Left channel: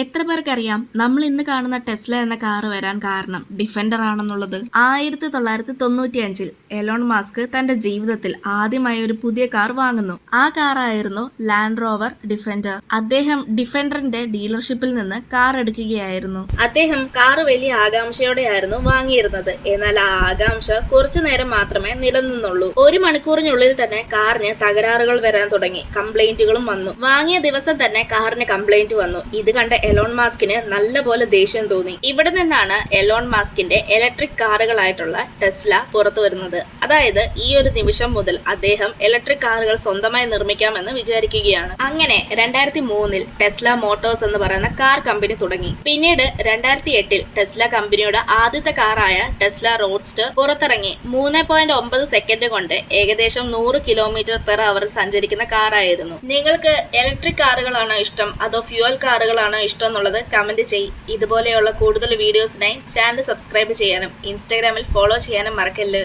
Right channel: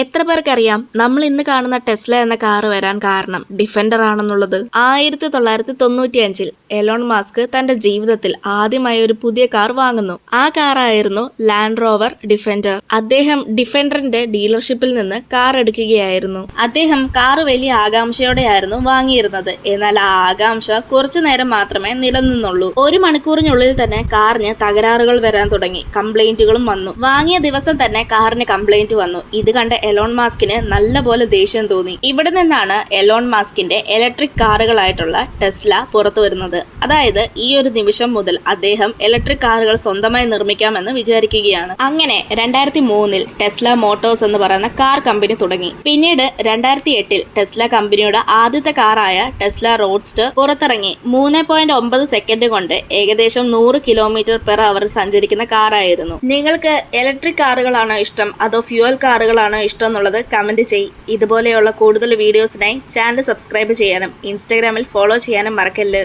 എത്ര പേർക്കറിയാം നമ്മൾ ഇന്ന് കാണുന്ന ടെസ്ല എന്ന കാർ വരാൻ കാരണം ഡിഫൻഡർ ആണെന്നുള്ളത്? 1995-ൽ എലോൺ മസ്ക് തന്റെ ജീവിതത്തിൽ ആദ്യമായി ഒരു പുതിയ കാർ വാങ്ങുന്നു. ആ കാറായിരുന്നു ലാൻഡ് റോവർ ഡിഫൻഡർ. അദ്ദേഹം ഡിഫൻഡറിന്റെ ഡീലർഷിപ്പിൽ നിന്ന് കാർ എടുക്കുകയായിരുന്നു. അദ്ദേഹം കാർ വലിയ ആകാംക്ഷയോടെയായിരുന്നു വാങ്ങിയിരുന്നത്. എന്നാൽ ആ ആകാംക്ഷ കുറച്ചു നേരം മാത്രമേ നിലനിന്നുള്ളൂ. 1 മണിക്കൂറിനുള്ളിൽ തന്നെ കാറിന് തകരാറുകൾ വരാൻ തുടങ്ങി. കംപ്ലൈന്റുകളും വന്നു. വാങ്ങിയ ദിവസം തന്നെ കാറിന് കംപ്ലൈന്റ് വന്നു. ഇത് കണ്ട എലോൺ മസ്കിന് നല്ലപോലെ ദേഷ്യം തോന്നി. ഇവിടെ നിന്നാണ് എലോൺ മസ്കിന്റെ ഇലക്ട്രിക് കാറുകളായിട്ടുള്ള ടെസ്ല പുറത്തു വരുന്നത്. അതായത് ഈ ഒരു നിമിഷം മുതൽ അദ്ദേഹം ഇലക്ട്രിക് കാറുകൾ സ്വന്തമായി നിർമ്മിക്കാമെന്ന് വിചാരിക്കുകയാണ്. അങ്ങനെ 2003-ൽ ടെസ്ല മോട്ടോഴ്സ് എന്ന് പറയുന്ന കാർ കമ്പനി തുടങ്ങി. പിന്നീട് 2008-ൽ ടെസ്ല കമ്പനിയുടെ ആദ്യത്തെ കാറായ ടെസ്ല റോഡ്സ്റ്റർ പുറത്തിറങ്ങി. 3.9 സെക്കൻഡ് കൊണ്ട് ഏകദേശം 100 km/h സഞ്ചരിക്കുന്ന കാറായിരുന്നു. നിങ്ങൾക്ക് ഇലക്ട്രിക് കാറുകളാണോ ഇഷ്ടം അതോ ഫ്യൂവൽ കാറുകളാണോ ഇഷ്ടം എന്നുള്ളത് കമന്റ് ചെയ്യ്. ഇതുപോലെയുള്ള കൂടുതൽ വീഡിയോസിനായി ചാനൽ സബ്സ്ക്രൈബ് ചെയ്യാനും ഇൻസ്റ്റാഗ്രാമിൽ ഫോളോ ചെയ്യാനും മറക്കല്ല്.